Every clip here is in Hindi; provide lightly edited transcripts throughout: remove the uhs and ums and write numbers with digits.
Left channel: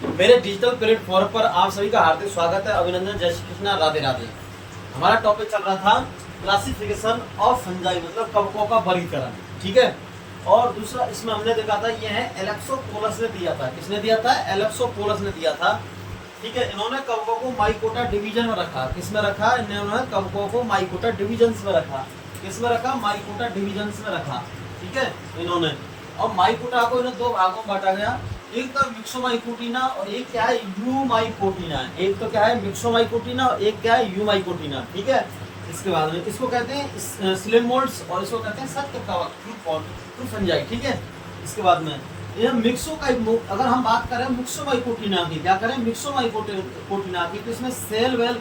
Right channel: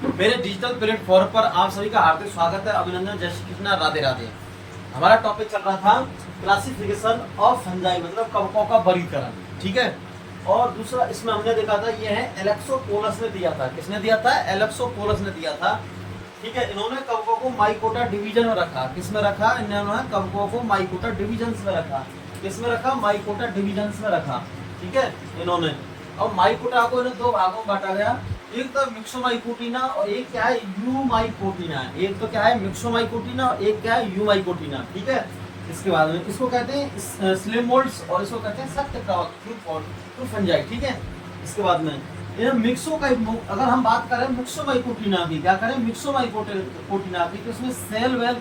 मेरे डिजिटल प्लेटफॉर्म पर आप सभी का हार्दिक स्वागत है, अभिनंदन, जय श्री कृष्णा, राधे राधे। हमारा टॉपिक चल रहा था क्लासिफिकेशन ऑफ फंजाई, मतलब कवकों का वर्गीकरण। ठीक है। और दूसरा इसमें हमने देखा था, ये है एलेक्सोपोलस ने दिया था। किसने दिया था? एलेक्सोपोलस ने दिया था। ठीक है। इन्होंने कवकों को माइकोटा डिवीजन में रखा। किसमें रखा? इन्होंने कवकों को माइकोटा डिवीजन में रखा। किसमें रखा? माइकोटा डिवीजन में रखा। ठीक है इन्होंने। और माइकोटा को इन्हें दो भागों में बांटा गया। एक तो मिक्सोमाइकोटिना और एक क्या है? यूमाइकोटिना। एक तो क्या है? मिक्सोमाइकोटिना और एक क्या है? यूमाइकोटिना। ठीक है। इसके बाद में इसको कहते हैं स्लेमोल्ड्स और इसको कहते हैं सख्त कवक, ट्रू फंजाई। ठीक है। इसके बाद में ये मिक्सो का, अगर हम बात करें मिक्सोमाइकोटिना की, क्या करें? मिक्सोमाइकोटिना की, तो इसमें सेल वेल,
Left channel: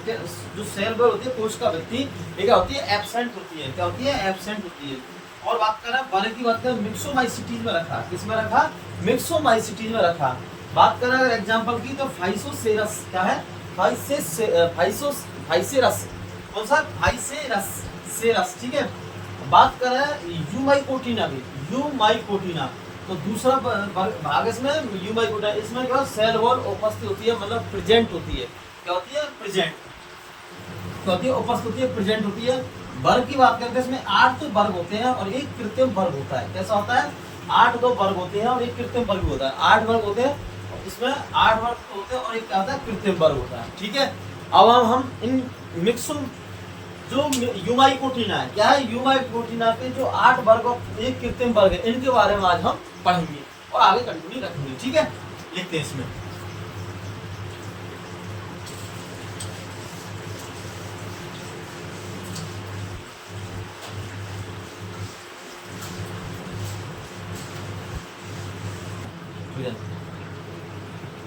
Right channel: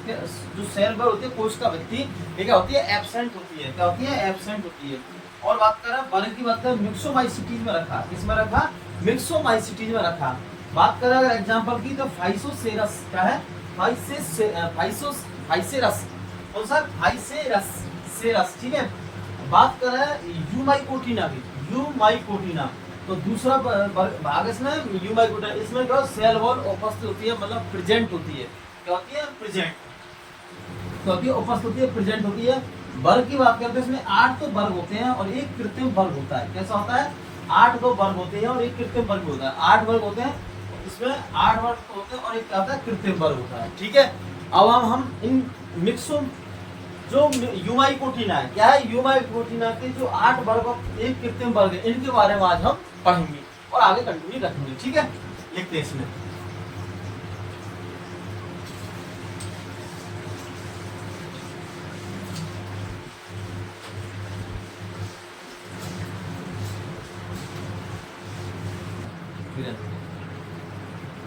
जो सेल वेल होती है कोश का व्यक्ति, ये क्या होती है? एब्सेंट होती है। क्या होती है? एब्सेंट होती है। और बात करें बारे की, बात करें मिक्सोमाइसिटीज में रखा। किसमें रखा? मिक्सोमाइसिटीज में रखा। बात करें अगर एग्जांपल की, तो फाइसोसेरस, क्या है? फाइसेरस, कौन सा? फाइसेरस। ठीक है। बात करें यूमाइकोटिना की, यूमाइकोटिना, तो दूसरा भाग इसमें यूमाइकोटिना। इसमें क्या? सेल वॉल उपस्थित होती है, मतलब प्रेजेंट होती है। क्या होती है? प्रेजेंट। क्या होती है? उपस्थित होती है, प्रेजेंट होती है। वर्ग की बात करते हैं, इसमें 8 तो वर्ग होते हैं और एक कृत्रिम वर्ग होता है। कैसा होता है? 8 तो वर्ग होते हैं और एक कृत्रिम वर्ग होता है। 8 वर्ग होते हैं, इसमें 8 वर्ग होते हैं और एक क्या होता है? कृत्रिम वर्ग होता है। ठीक है। अब हम इन मिक्सो, जो यूमाइकोटिना है, क्या है? यूमाइकोटिना के जो 8 वर्ग और एक कृत्रिम वर्ग है, इनके बारे में आज हम पढ़ेंगे और आगे कंटिन्यू रखेंगे। ठीक है। लिखते हैं इसमें।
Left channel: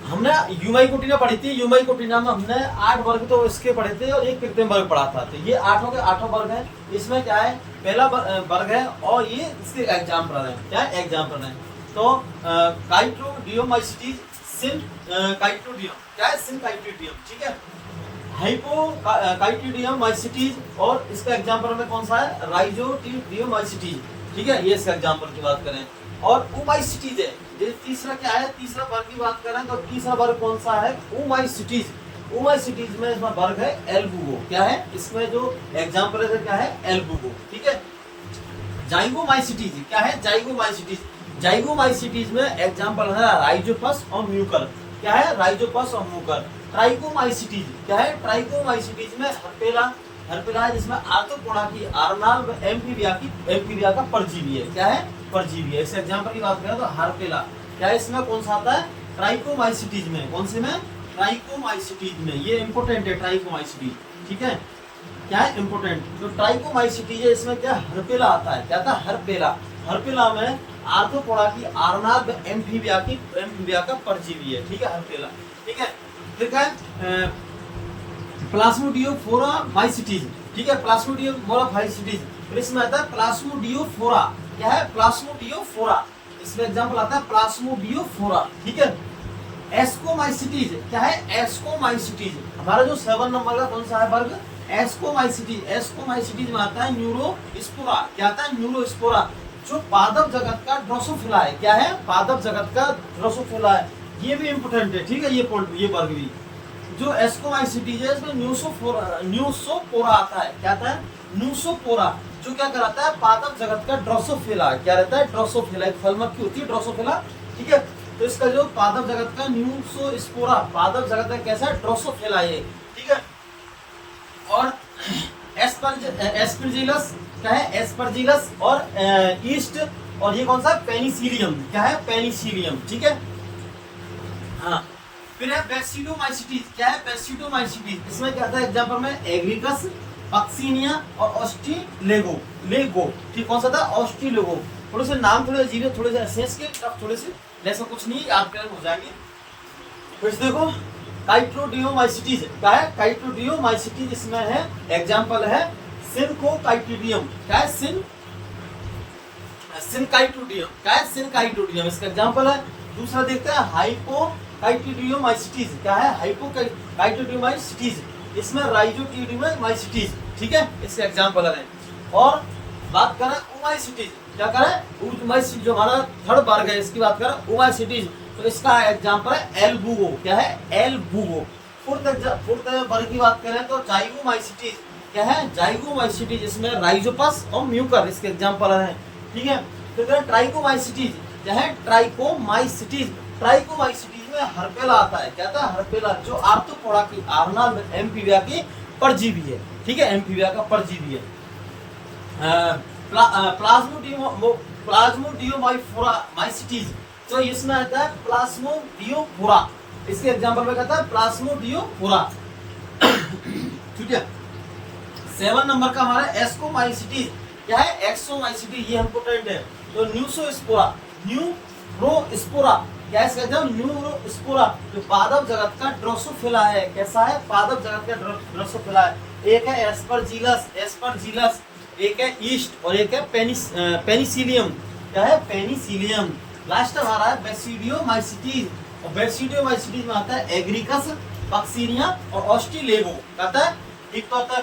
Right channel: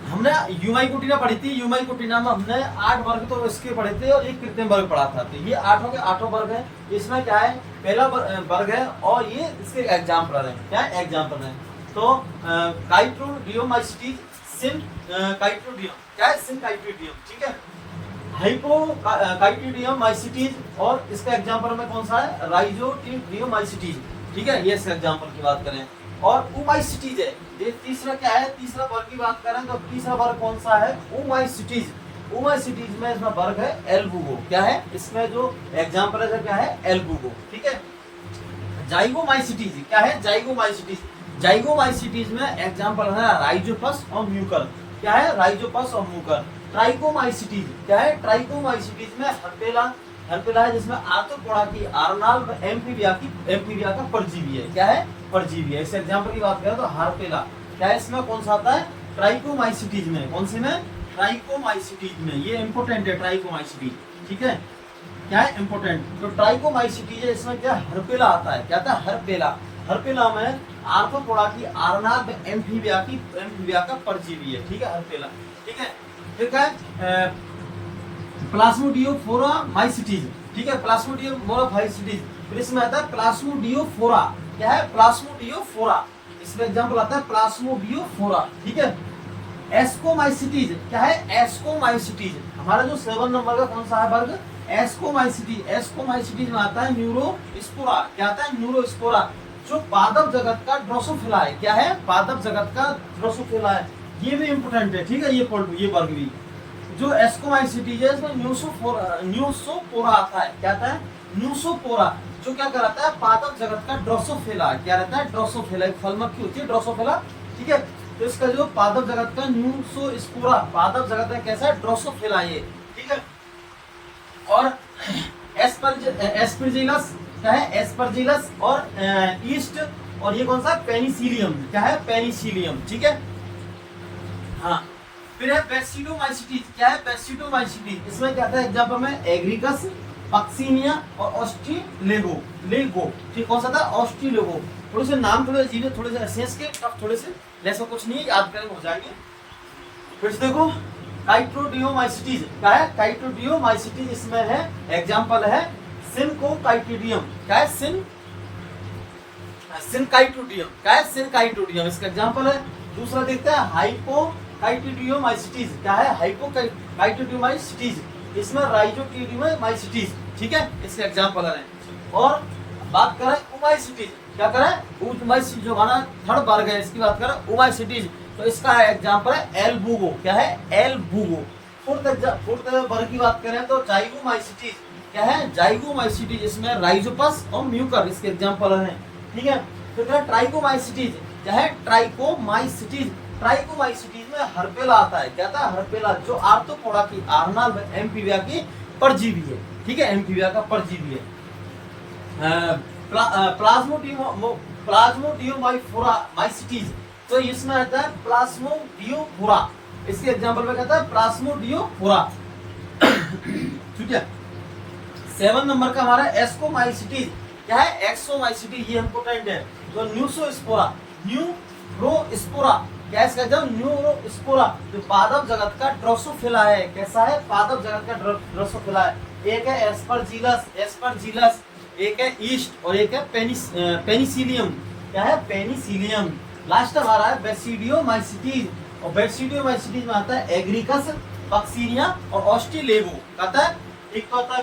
हमने यूमाइकोटिना पढ़ी थी। यूमाइकोटिना में हमने 8 वर्ग तो इसके पढ़े थे और एक कृत्रिम वर्ग पढ़ा था। तो ये 8 के 8 वर्ग है। इसमें क्या है? पहला वर्ग है और ये इसके एग्जाम्पल है। क्या है? एग्जाम्पल है। तो काइट्रोडियोमाइसिटीज, सिन काइट्रोडियम, क्या है? सिन काइट्रोडियम। ठीक है। हाइपोकाइटिडियम माइसिटीज, और इसका एग्जांपल में कौन सा है? राइजोटिडियमाइसिटीज। ठीक है। ये इसका एग्जांपल की बात करें। और उमाइसिटीज है ये तीसरा। क्या है? तीसरा वर्ग की बात करें तो तीसरा वर्ग कौन सा है? उमाइसिटीज। उमाइसिटीज में इसका वर्ग है एल्बुगो। क्या है? इसमें जो एग्जांपल है क्या है? एल्बुगो। ठीक है। जाइगोमाइसिटीज, क्या है? जाइगोमाइसिटीज। जाइगोमाइसिटीज में एग्जांपल है राइजोपस और म्यूकर। क्या है? राइजोपस और म्यूकर। ट्राइकोमाइसिटीज, क्या है? ट्राइकोमाइसिटीज में हर्पेला है, जिसमें आर्थ्रोपोडा की, आर्नाल्ड, एम्फीबिया का परजीवी है। क्या है? परजीवी है। इस एग्जांपल की बात करें तो हर्पेला, क्या है? इसमें कौन सा आता है? ट्राइकोमाइसिटीज में। कौन से में? ट्राइकोमाइसिटीज में। ये इंपोर्टेंट है, ट्राइकोमाइसिटीज। ठीक है। क्या है? इंपोर्टेंट। तो ट्राइकोमाइसिटीज है, इसमें क्या? हर्पेला आता है। क्या था? हर्पेला। हर्पेला में आर्थ्रोपोडा की, आर्नाल्ड, एम्फीबिया का परजीवी है। ठीक है। हर्पेला। ठीक है। फिर क्या है? प्लाज्मोडियोफोरा माइसिटीज। ठीक है। प्लाज्मोडियोफोरा माइसिटीज। फिर इसमें आता है प्लाज्मोडियोफोरा। क्या है? प्लाज्मोडियोफोरा। इसमें एग्जांपल आता है प्लाज्मोडियोफोरा। ठीक है। एस्कोमाइसिटीज, क्या है? एस्कोमाइसिटीज। हमारा जो 7 नंबर का कौन सा है वर्ग? एस्कोमाइसिटीज। एस्कोमाइसिटीज में आता है न्यूरोस्पोरा। क्या आता है? न्यूरोस्पोरा, जो पादप जगत का ड्रोसोफिला है। क्या है? पादप जगत का ड्रोसोफिला है। ये भी इंपोर्टेंट है। ठीक है। ये वर्ग भी, जो एस्कोमाइसिटीज है, इसमें न्यूसोपोरा आता है। क्या आता है? न्यूसोपोरा, जो क्या कहलाता है? पादप जगत का ड्रोसोफिला। क्या रहता है? ड्रोसोफिला। एक फल मक्खी होती है ड्रोसोफिला। ठीक है। तो इसका जो पादप जगत का न्यूसोस्पोरा, पादप जगत का कैसा है? ड्रोसोफिला ये। ठीक है। और एस्परजिलस, क्या है? एस्परजिलस और ईस्ट, और ये कौन सा? पेनिसिलियम। क्या है? पेनिसिलियम। ठीक है। हाँ। फिर है बेसिडोमाइसिटीज। क्या है? बेसिडोमाइसिटीज। इसमें क्या आता है एग्जांपल में? एग्रिकस, पक्सिनिया और ऑस्ट्रीलेगो। ठीक, कौन सा था? ऑस्ट्रीलेगो। थोड़े से नाम थोड़े अजीब है, थोड़े से एसेंस के, थोड़े से ऐसा कुछ नहीं है, याद करें हो जाएंगे। फिर देखो काइट्रोडियोमाइसिटीज। क्या है? काइट्रोडियोमाइसिटीज। इसमें है एग्जांपल है सिनकोकाइटिडियम। क्या है? सिनकाइटोडियम। क्या है? सिनकाइटोडियम, इसका एग्जांपल है। दूसरा देखते हैं हाइपोकाइटिडियोमाइसिटीज। क्या है? हाइपोकाइटिडियोमाइसिटीज। इसमें राइजोटिडियोमाइसिटीज। ठीक है। इसके एग्जांपल है। और बात करें उमाइसिटीज। क्या करें? उमाइसिटीज, जो हमारा थर्ड वर्ग है, इसकी बात करें उमाइसिटीज। तो तो इसका एग्जाम्पल है एल बूगो। क्या है? एल बूगो। फोर्थ वर्ग की बात करें तो जाइगोमाइसीटीज। क्या है? जाइगोमाइसीटीज, इसमें राइजोपस और म्यूकर इसके एग्जाम्पल है। ठीक है। तो क्या ट्राइकोमाइसीटीज? क्या है? ट्राइकोमाइसीटीज। ट्राइकोमाइसीटीज में हर्पेला आता है। क्या आता है? हर्पेला, जो आर्थ्रोपोडा की आर्नल्ड एम्फीबिया की परजीवी है। ठीक है, एम्फीबिया का परजीवी है। प्लाज्मोडियोमाइफोरा माइसिटीज, तो इसमें आता है प्लाज्मोडियोफोरा। इसके एग्जांपल में कहता है प्लाज्मोडियोफोरा। ठीक है। 7 नंबर का हमारा एस्कोमाइसिटीज। क्या है? एक्सोमाइसिटीज, ये इंपोर्टेंट है। तो न्यूरोस्पोरा, न्यूरोस्पोरा, क्या इसका एग्जाम? न्यूरोस्पोरा, जो पादप जगत का ड्रोसोफिला है। कैसा है? पादप जगत का ड्रोसोफिला है। एक है एस्परजीलस, एक है ईस्ट और एक है पेनिसिलियम। क्या है? पेनिसिलियम। लास्ट हमारा है बेसिडियोमाइसिटीज, और बेसिडियोमाइसिटीज में आता है एग्रिकस, पक्सीनिया और ऑस्ट्रेलेगो। कहता है एक तो आता है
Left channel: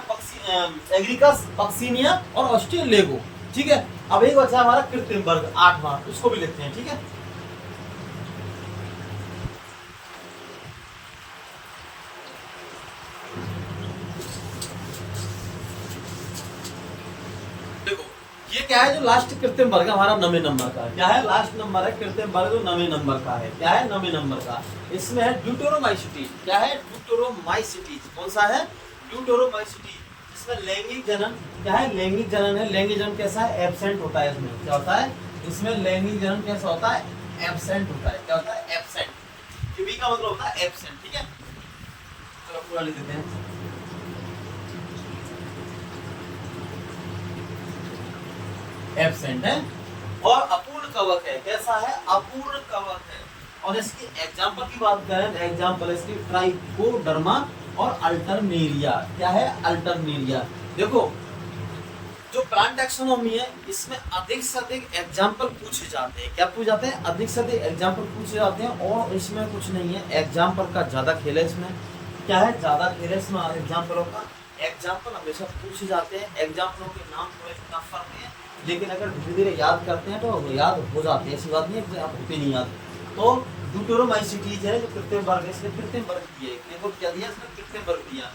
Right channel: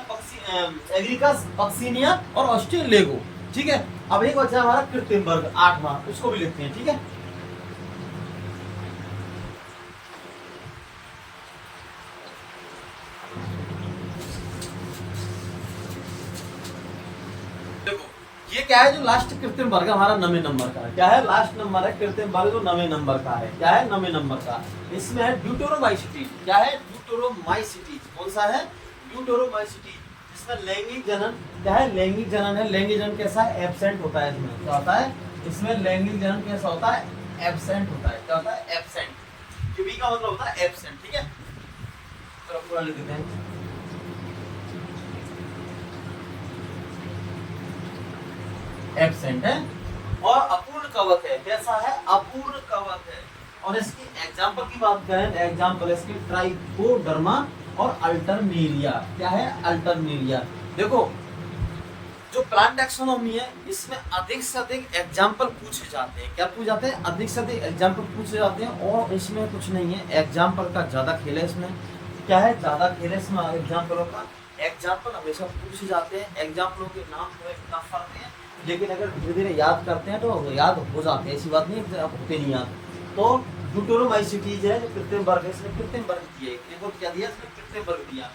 एग्रिकस, पक्सीनिया और ऑस्ट्रेलेगो। ठीक है। अब एक बचा हमारा कृत्रिम वर्ग 8वां, उसको भी लेते हैं। ठीक है। ये क्या है? जो लास्ट कृत्रिम वर्ग हमारा 9वें नंबर का है। क्या है? लास्ट नंबर है कृत्रिम वर्ग जो 9वें नंबर का है। क्या है? 9वें नंबर का। इसमें है ड्यूटेरोमाइसिटीज। क्या है? ड्यूटेरोमाइसिटीज। कौन सा है? ड्यूटेरोमाइसिटीज। इसमें लैंगिक जनन। क्या है? लैंगिक जनन है। लैंगिक जनन कैसा है? एब्सेंट होता है। इसमें क्या होता है? इसमें लैंगिक जनन कैसा होता है? एब्सेंट होता है। क्या होता है? एब्सेंट। बी का मतलब होता है एब्सेंट। ठीक है। चलो पूरा लिख देते हैं। एब्सेंट है। और अपूर्ण कवक है। कैसा है? अपूर्ण कवक है। और इसकी एग्जांपल की बात करें, एग्जांपल इसकी ट्राइकोडर्मा और अल्टरनेरिया। क्या है? अल्टरनेरिया। देखो, जो प्लांट टैक्सोनॉमी है, इसमें अधिक से अधिक एग्जांपल पूछे जाते हैं। क्या पूछे जाते हैं? अधिक से अधिक एग्जांपल पूछे जाते हैं, और इसमें कुछ नहीं है, एग्जांपल का ज्यादा खेल है इसमें। क्या है? ज्यादा खेल है इसमें एग्जांपलों का। एग्जांपल हमेशा पूछे जाते हैं। एग्जांपलों के नाम थोड़े टफ करते हैं, लेकिन अगर धीरे धीरे याद करते हैं तो याद हो जाते हैं। ऐसी बात नहीं है होते नहीं याद। तो ड्यूटेरोमाइसिटीज है जो कृत्रिम वर्ग है, इसमें कृत्रिम वर्ग दिया है। क्या दिया? इसमें कृत्रिम वर्ग दिया।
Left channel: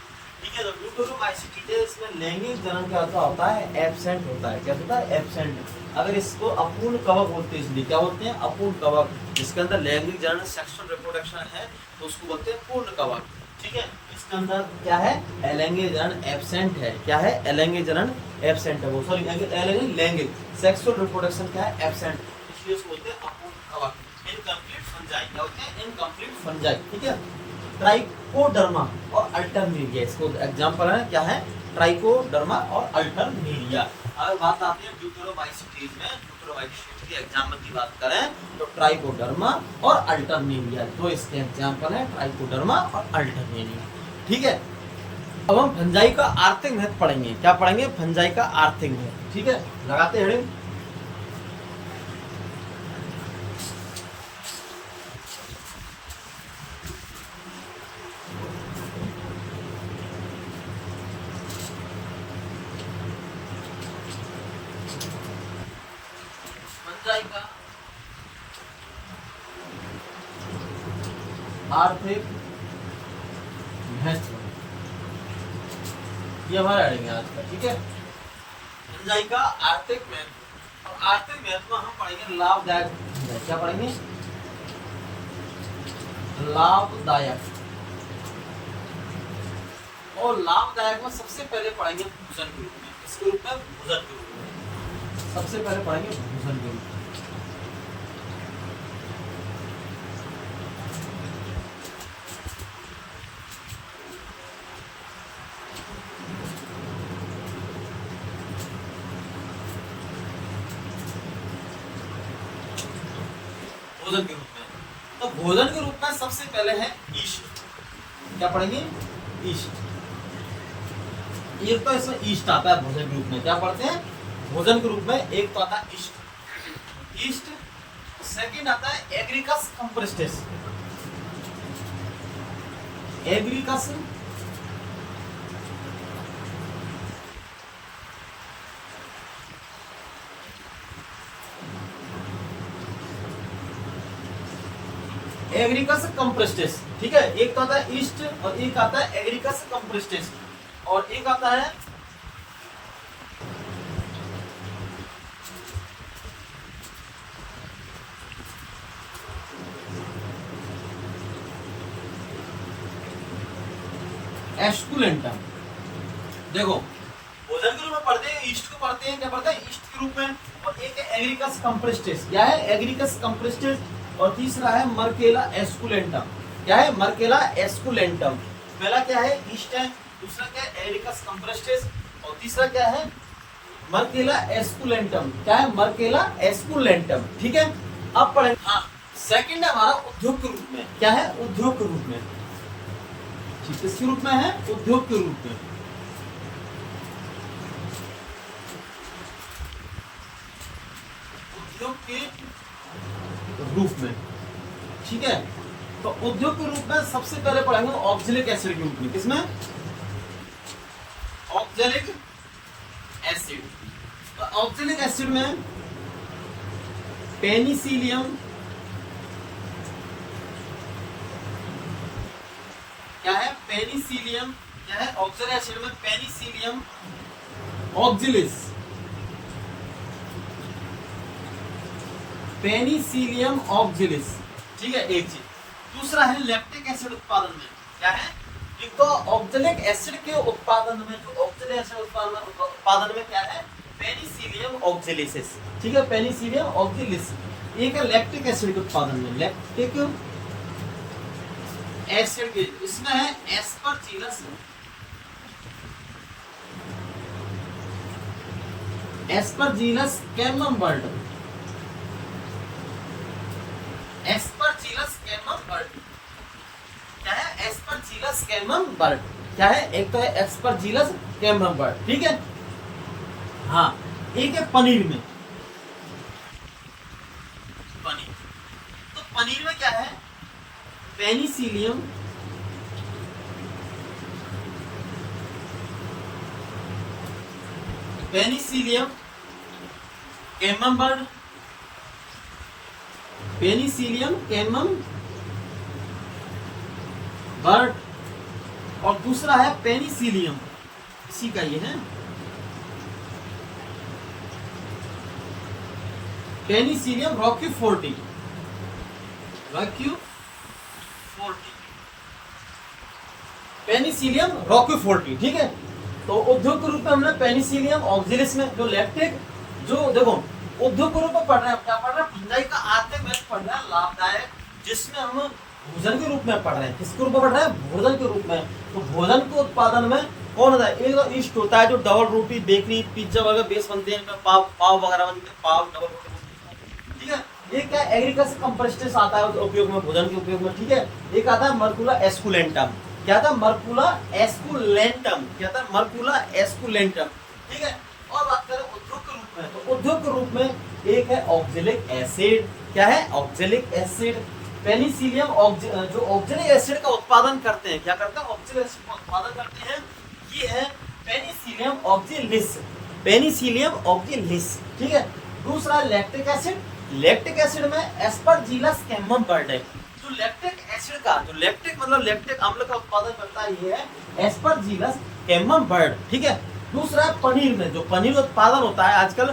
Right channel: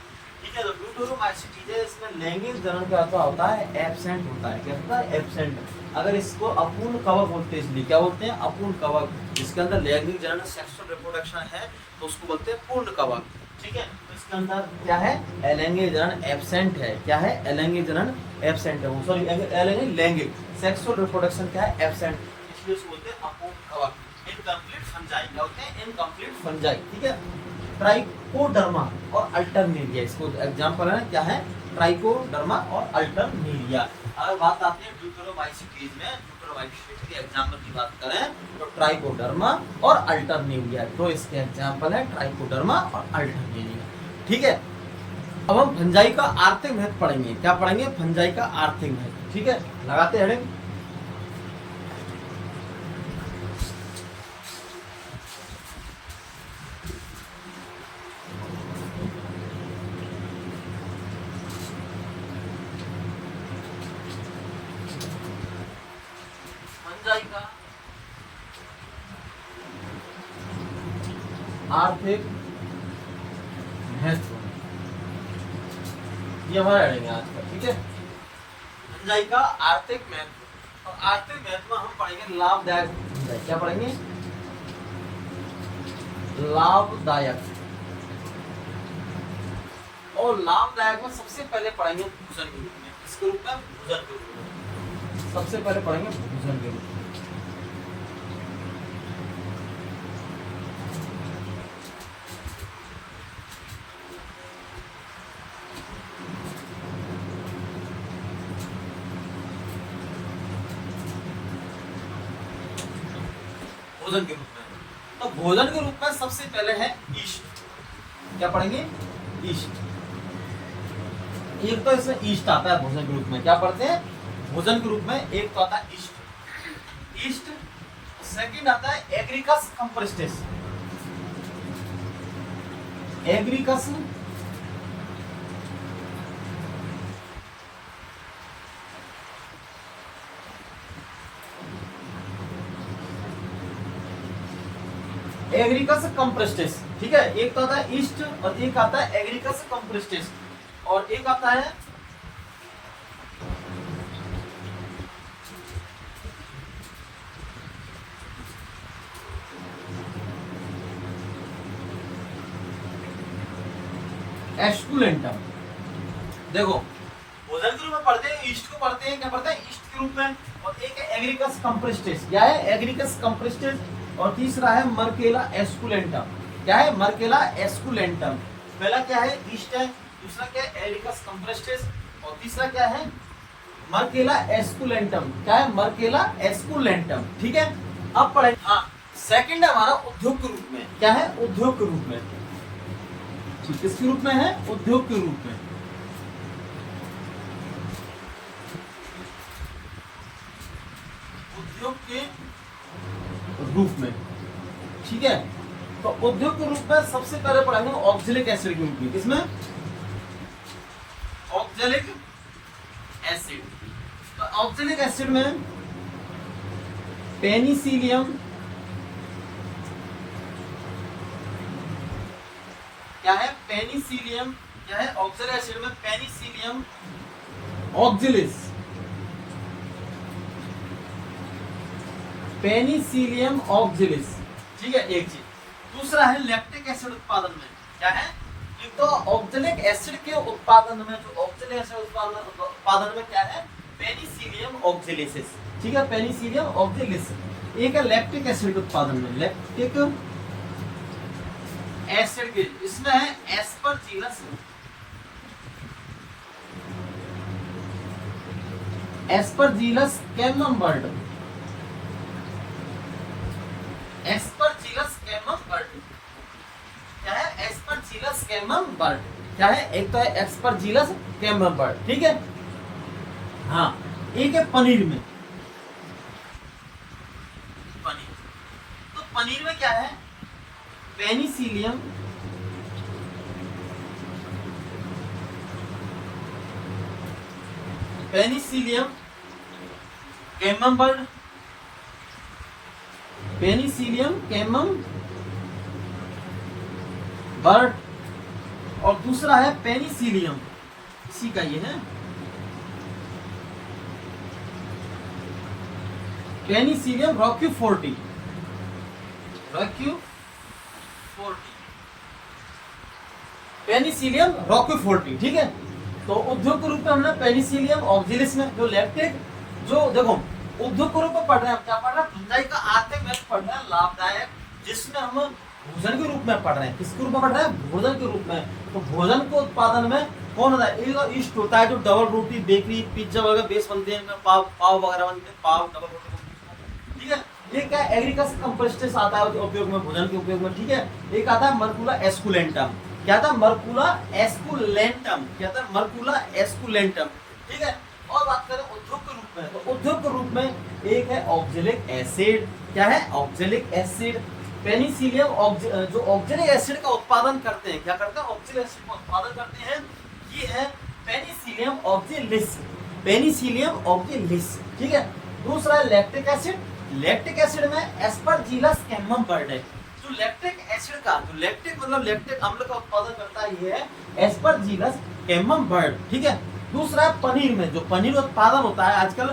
ठीक है। तो ड्यूटेरोमाइसिटीज है, इसमें लैंगिक जनन क्या होता है? एब्सेंट होता है। क्या होता है? एब्सेंट। अगर इसको अपूर्ण कवक बोलते हैं, इसलिए क्या बोलते हैं? अपूर्ण कवक। जिसके अंदर लैंगिक जनन, सेक्सुअल रिप्रोडक्शन है, तो उसको बोलते हैं पूर्ण कवक। ठीक है। इसके अंदर क्या है? अलैंगिक जनन एब्सेंट है। क्या है? अलैंगिक जनन एब्सेंट है। वो सॉरी, लैंगिक सेक्सुअल रिप्रोडक्शन क्या है? एब्सेंट। इसलिए उसको बोलते हैं अपूर्ण कवक। Incomplete fungi. क्या होते हैं? Incomplete fungi. ठीक है। ट्राइकोडर्मा और अल्टरनेरिया, इसको एग्जांपल है। क्या है? ट्राइकोडर्मा और अल्टरनेरिया। अगर बात आती है ड्यूटेरोमाइसिटीज में, ड्यूटेरोमाइसिटीज के एग्जांपल की बात करें तो ट्राइकोडर्मा और अल्टरनेरिया, तो इसके एग्जांपल है ट्राइकोडर्मा और अल्टरनेरिया। ठीक है। अब हम फंजाई का आर्थिक महत्व पढ़ेंगे। क्या पढ़ेंगे? फंजाई का आर्थिक महत्व। ठीक है। लगाते हैं हेडिंग। का आर्थिक महत्व, ये हमारा हेडिंग है आज का। ठीक है। फंजाई का आर्थिक महत्व। और आर्थिक महत्व में हम पढ़ेंगे लाभदायक। क्या पढ़ेंगे? लाभदायक। और लाभदायक में सबसे पहले पढ़ेंगे भूषण के रूप में। इसके रूप में भूषण के रूप में सबसे पहले पढ़ेंगे भूषण के रूप में। भोजन के रूप में, तो भोजन के रूप में सबसे पहले है ईस्ट। क्या पढ़ेंगे? ईस्ट। एक तो इसमें ईस्ट आता है भोजन के रूप में। क्या पढ़ते हैं? भोजन के रूप में एक तो आता है ईस्ट। ईस्ट। सेकंड आता है एग्रिकस कंप्रेस्टिस। एग्रिकस एग्रीकस कंप्रेस्टेस, ठीक है। एक तो आता है ईस्ट और एक आता है एग्रीकस कंप्रेस्टेस और एक आता है एस्कुलेंटम। देखो भोजन के रूप में पढ़ते हैं, ईस्ट को पढ़ते हैं, क्या पढ़ते हैं ईस्ट के रूप में। और एक है एग्रीकस कंप्रेस्टेस, क्या है एग्रीकस कंप्रेस्टेस। और तीसरा है मर्केला एस्कुलेंटम, क्या है मर्केला एस्कुलेंटम। पहला क्या है ईस्ट है, दूसरा क्या है एग्रीकस कंप्रेस्टेस और तीसरा क्या है मर्केला एस्कुलेंटम, क्या है मर्केला एस्कुलेंटम, ठीक है। अब पढ़ेंगे, हाँ सेकंड है हमारा उद्योग के रूप में, क्या है उद्योग के रूप में, ठीक किसके रूप में है उद्योग के रूप में। उद्योग के रूप में, ठीक है। तो उद्योग के रूप में सबसे पहले पढ़ेंगे ऑक्जेलिक एसिड के रूप में, किसमें ऑक्जेलिक एसिड। ऑक्जेलिक एसिड में पेनिसिलियम, क्या है पेनिसिलियम, क्या है ऑक्जेलिक एसिड में पेनिसिलियम ऑक्जेलिस, पेनिसिलियम ऑक्जेलिस, ठीक है एक चीज। दूसरा है लैक्टिक एसिड उत्पादन में, क्या है एक तो ऑक्जेलिक एसिड के उत्पादन में, जो ऑक्जेलिक एसिड उत्पादन में क्या है पेनिसिलियम ऑक्जेलिसिस, ठीक है पेनिसिलियम ऑक्जेलिस। एक है लैक्टिक एसिड के उत्पादन में, लैक्टिक एसिड के, इसमें है एस्परजिलस, एस्परजिलस कैमम्बर्ट, एस्परजिलस कैमम्बर्ट, क्या है एस्परजिलस कैमम्बर्ट, क्या है एक तो है एस्परजिलस कैमम्बर्ट, ठीक है। हाँ एक है पनीर में, पनीर, तो पनीर में क्या है पेनिसिलियम, पेनिसिलियम कैमम्बर्ट, पेनिसिलियम कैमम्बर्ट और दूसरा है पेनिसिलियम, इसी का ये है पेनिसिलियम रॉक्यूफोर्टी, पेनिसिलियम रॉक्यूफोर्टी, ठीक है। तो उद्योग के रूप में हमने पेनिसिलियम ऑक्जेलिस में जो लैक्टिक, जो देखो उद्योग के रूप में पढ़ रहे हैं, क्या पढ़ रहे हैं फंजाई का आर्थिक महत्व पढ़ रहे हैं, लाभदायक, जिसमें हम भोजन के रूप में पढ़ रहे हैं, किसके रूप में पढ़ रहे हैं भोजन के रूप में। तो भोजन के उत्पादन में कौन होता है एक ईस्ट होता है, जो डबल रोटी बेकरी पिज्जा वगैरह बेस बनते हैं, पाव वगैरह बनते हैं, पाव डबल रोटी, ठीक है। एक क्या एग्रीकल्चर कंप्रेस्टेस आता है उपयोग में, भोजन के उपयोग में, ठीक है। एक आता है मर्कुला एस्कुलेंटम, क्या था मर्कुला एस्कुलेंटम, क्या था मर्कुला एस्कुलेंटम, ठीक है। और बात करें उद्योग के रूप में, तो उद्योग के रूप में एक है ऑक्जेलिक एसिड, क्या है ऑक्जेलिक एसिड, पेनिसिलियम जो ऑक्जेलिक एसिड का उत्पादन करते हैं, क्या करते हैं ऑक्जेलिक एसिड का उत्पादन करते हैं, ये है पेनिसिलियम ऑक्जेलिस, पेनिसिलियम ऑक्जेलिस, ठीक है। दूसरा है लैक्टिक एसिड, लैक्टिक एसिड में एस्परजिलस कैमम्बर्ट है। जो लैक्टिक एसिड का, जो लैक्टिक मतलब लैक्टिक अम्ल का उत्पादन करता है, ये है एस्परजिलस कैमम्बर्ट, ठीक है। दूसरा है पनीर में, जो पनीर उत्पादन होता है आजकल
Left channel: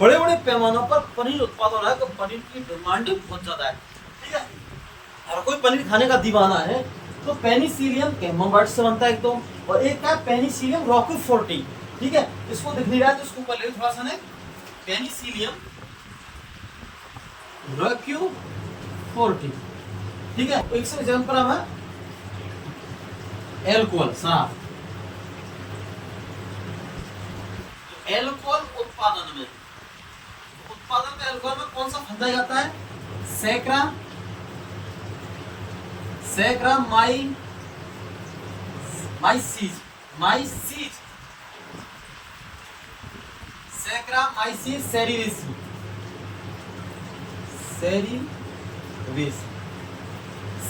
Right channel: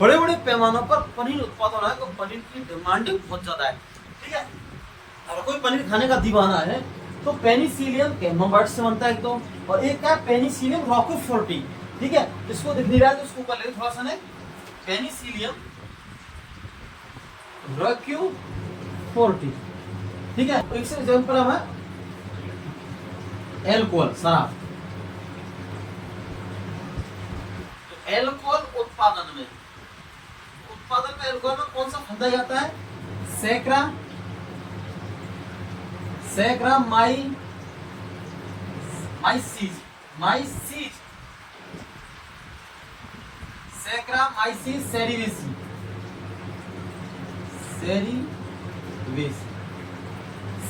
बड़े बड़े पैमानों पर पनीर उत्पादन हो रहा है, तो पनीर की डिमांडिंग बहुत ज्यादा है, ठीक है। हर कोई पनीर खाने का दीवाना है। तो पेनिसिलियम कैमम्बर्ट से बनता है एक तो, और एक है पेनिसिलियम रॉक्यूफोर्टी, ठीक है। इसको दिख नहीं रहा है तो इसको कर ले थोड़ा सा, पेनिसिलियम रॉक्यूफोर्टी, ठीक है। तो एक एग्जाम्पल है एल्कोहल, शराब। तो एल्कोहल उत्पादन में, एल्कोहल में कौन सा फंदा आता है सैकरा, माइसीज, सैकरामाइसीस सेरिविसी,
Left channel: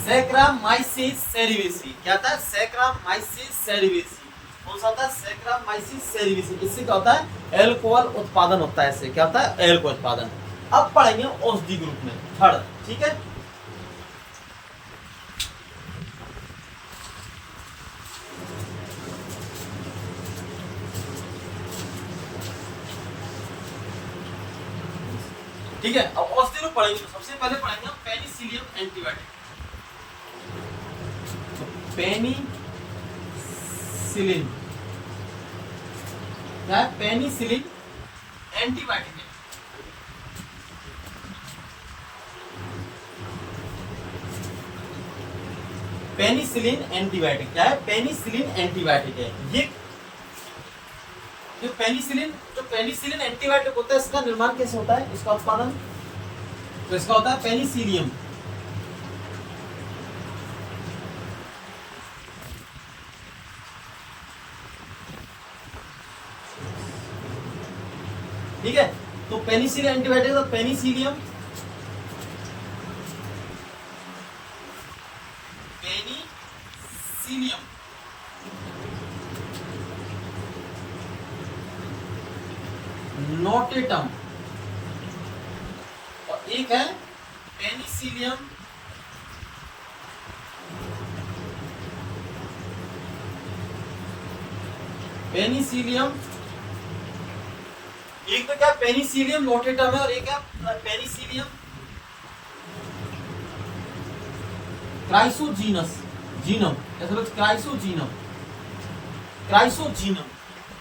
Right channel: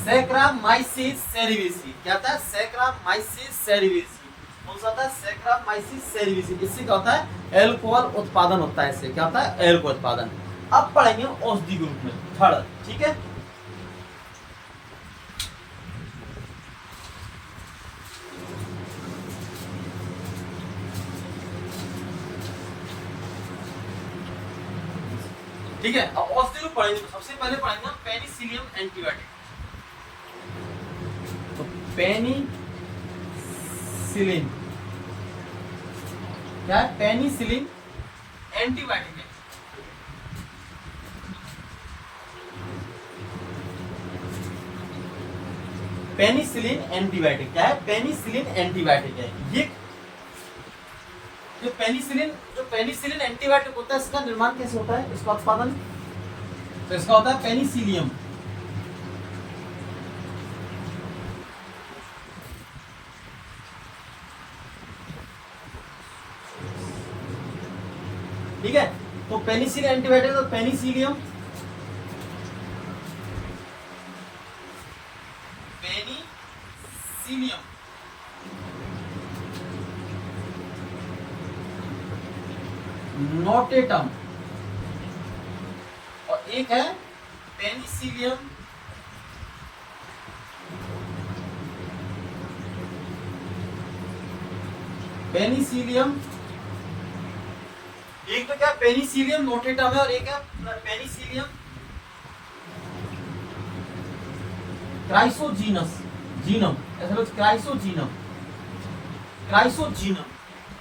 सैकरामाइसीस सेरिविसी, क्या था सैकरामाइसीस सेरिविसी, कौन सा होता है सैकरामाइसीस सेरिविसी। इससे क्या होता है एल्कोहल उत्पादन होता है, इससे क्या होता है एल्कोहल उत्पादन। अब पढ़ेंगे औषधि ग्रुप में थर्ड, ठीक है। ठीक है। अब औषधि रूप पढ़ेंगे, सबसे पहले पढ़ेंगे पेनिसिलियम एंटीबायोटिक। तो पेनिसिलिन क्या है? पेनिसिलिन एंटीबायोटिक है। पेनिसिलिन एंटीबायोटिक क्या है? पेनिसिलिन एंटीबायोटिक है ये। जो पेनिसिलिन एंटीबायोटिक होता है, इसका निर्माण कैसे होता है, इसका उत्पादन? तो इसका होता है पेनिसिलियम, ठीक है। तो पेनिसिलिन एंटीबायोटिक, तो पेनिसिलियम नोटेटम, और एक है पेनिसिलियम एक तो क्या पेनिसिलियम नोटेटम है, और एक है पेनिसिलियम क्राइसोजीनस जीनम, ऐसा लोग क्राइसोजीनम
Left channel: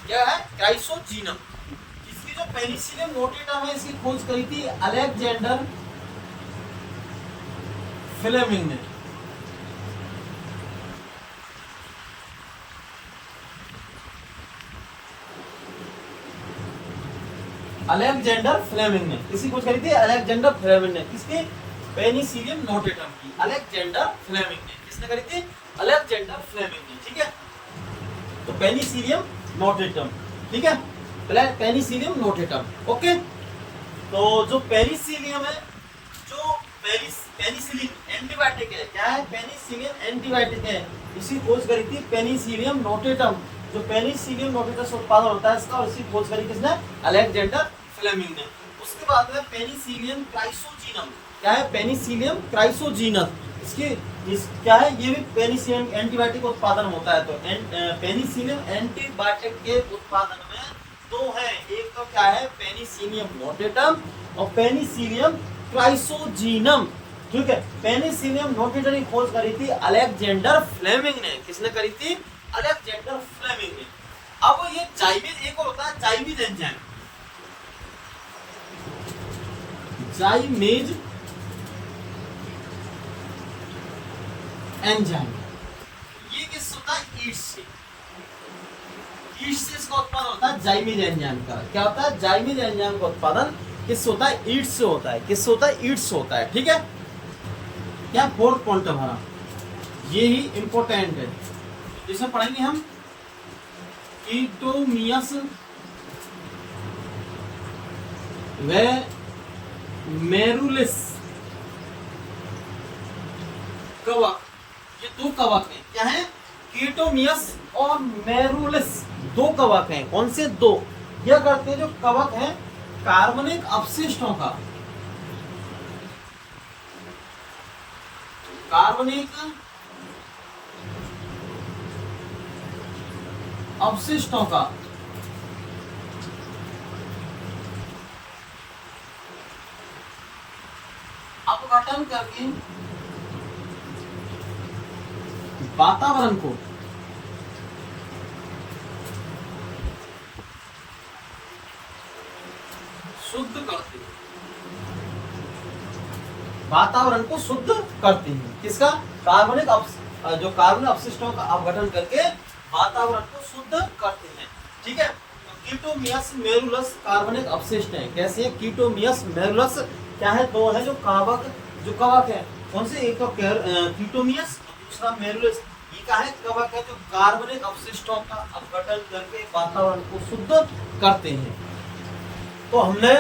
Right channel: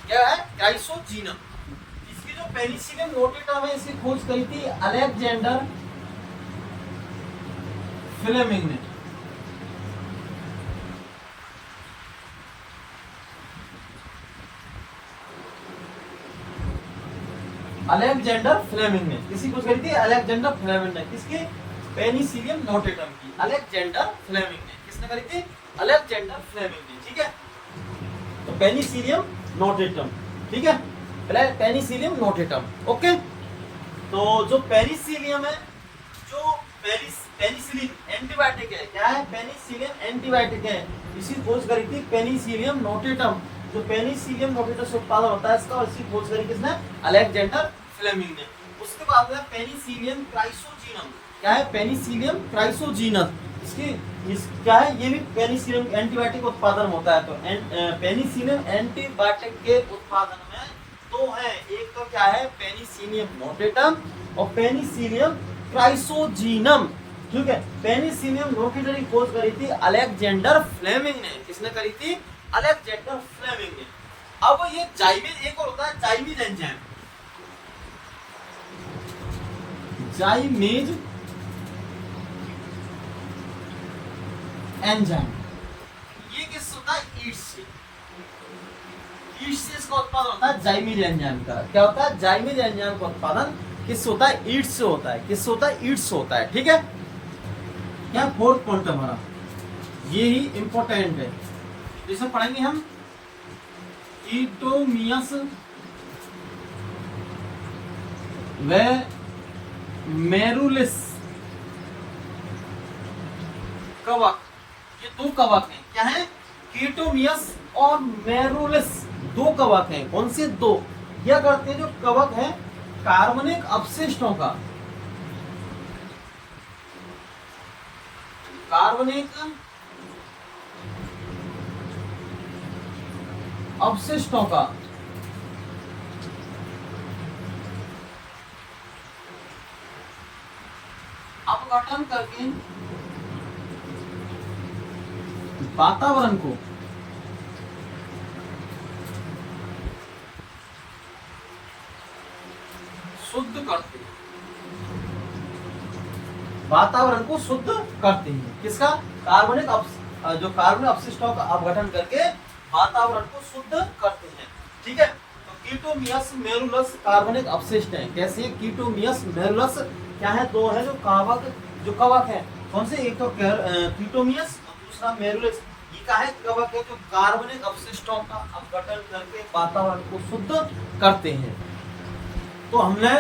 क्या है? क्राइसोजीनम। इसकी जो पेनिसिलियम नोटेटम है, इसकी खोज करी थी अलेक्जेंडर फ्लेमिंग ने। अलेक्जेंडर फ्लेमिंग ने किसी खोज करी थी? अलेक्जेंडर फ्लेमिंग ने। किसकी? पेनिसिलियम नोटेटम की अलेक्जेंडर फ्लेमिंग ने। किसने करी थी? अलेक्जेंडर फ्लेमिंग ने, ठीक है। तो पेनिसिलियम नोटेटम, ठीक है, पेनिसिलियम नोटेटम, ओके। तो जो पेनिसिलियम है, जो पेनिसिलिन एंटीबायोटिक है, क्या है? पेनिसिलिन एंटीबायोटिक है। इसी खोज करी थी पेनिसिलियम नोटेटम। जो पेनिसिलियम नोटेटम से उत्पादन होता है इसका, और इसी खोज करी किसने? अलेक्जेंडर फ्लेमिंग ने। उसके बाद में पेनिसिलियम क्राइसोजीनम, क्या है? पेनिसिलियम क्राइसोजीनस। इसकी क्या है? ये भी पेनिसिलियम एंटीबायोटिक उत्पादन होता है। तो पेनिसिलियम एंटीबायोटिक के उत्पादन में दो है, एक तो क्या है? पेनिसिलियम नोटेटम और पेनिसिलियम क्राइसोजीनम, ठीक है। पेनिसिलियम नोटेटम की खोज करी थी अलेक्जेंडर फ्लेमिंग ने। किसने करी थी? अलेक्जेंडर फ्लेमिंग ने। अब ये जाइमेज, एक और होता है जाइमेज एंजाइम, जाइमेज एंजाइम। ये किस होता है? ईस्ट से इसका उत्पादन होता है जाइमेज एंजाइम का। क्या होता है? जाइमेज एंजाइम का उत्पादन किस होता है? ईट से होता है। किस होता है? ईट से होता है, ठीक है। क्या फोर्थ पॉइंट हमारा ये ही इंपोर्टेंट है, जैसा पढ़ेंगे हम ईटोमियस व मेरुलिस कवक। ये दो कवक हैं, क्या है? कीटोमियस और मेरुलिस, दो कवक हैं। कौन से? दो। यह करते हैं जो कवक है कार्बनिक अपशिष्टों का, कार्बनिक अपशिष्टों का अपघटन करके वातावरण को शुद्ध करते हैं, वातावरण को शुद्ध करते हैं। किसका? कार्बनिक जो कार्बनिक अपशिष्टों का अपघटन करके वातावरण को शुद्ध करते हैं, ठीक है। तो कीटोमियस मेरुलस कार्बनिक अपशिष्ट है। कैसे? कीटोमियस मेरुलस क्या है? दो है जो कवक है। कौन से? एक कीटोमियस, दूसरा मेरुलस। ये क्या है? कवक है जो कार्बनिक अपशिष्टों का अपघटन करके वातावरण को शुद्ध करते हैं। तो हमने